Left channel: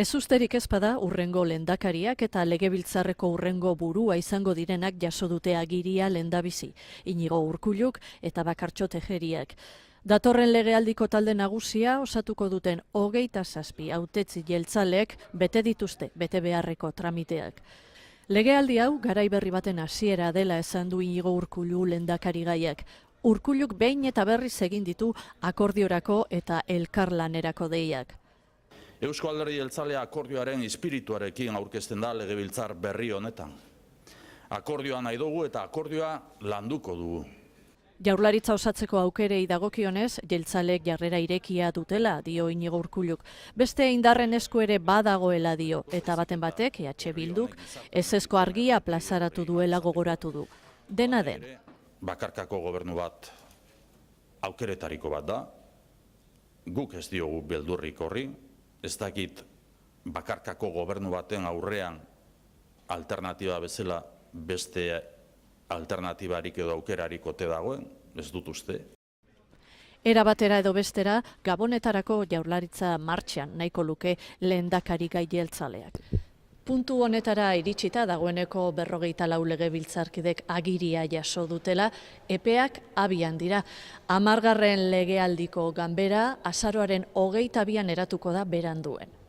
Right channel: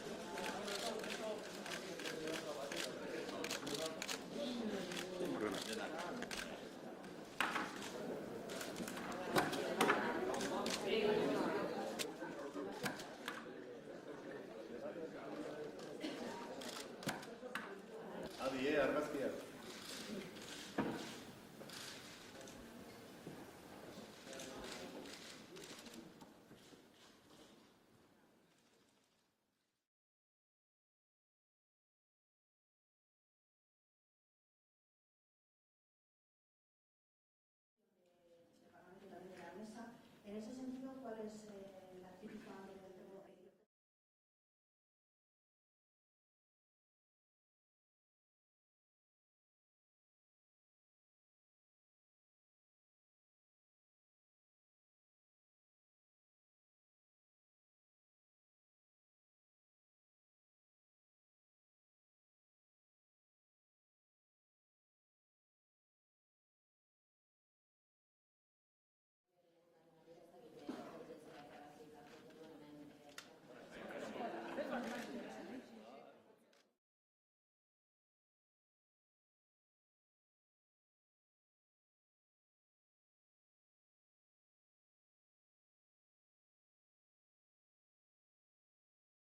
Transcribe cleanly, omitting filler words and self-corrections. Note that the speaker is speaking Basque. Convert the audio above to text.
Ez usterik ez bada urrengo lehendakariak eta legebiltzarreko urrengo burua izango direnak jaso dute agiria lehendabizi, Inigo Urkulluk eta Bakartxo Tejeriak. Datorren legealdiko talde nagusia osatuko duten 27 hautetsi jeltzalek bete dituzte bete beharreko tramiteak. Legealdi hau garai berri baten hasiera dela esan du Inigo Urkullu lehendakarigaiak. Urkulluk behin eta berriz egin ditu akordiorako eta elkarlanerako deiak. Eusko Alderdi Jeltzalea akordioaren espirituarekin aurkezten da legebiltzar berri honetan. Akordioa nahi dugu eta akordioa landuko dugu. Jaurlaritza osatzeko aukerei dagokionez, jeltzalek jarrera irekia dutela, dio Inigo Urkulluk. Beste indarren esku ere badagoela dio, eta baten batek, EH Bilduk, ezezko argia plazaratu duela gogoratu du. Dena den. Bakarkako gobernu bat aukeretariko bat da, guk ez diogu beldurrik horri, ez dakit bakarkako gobernu baten aurrean alternatiba bezala beste alternatibarik edo aukerarik ote dagoen, ez dut uste. Era batera edo bestera, Gabonetarako Jaurlaritza martxan nahiko luke lehendakari gai jeltzaleak. Puntu honetara iritsita dagoeneko 44 legebiltzarkidek agiria jaso dutela, epeak abian dira. 10. legealdiko ganbera azaroaren 22an eratuko da beranduen.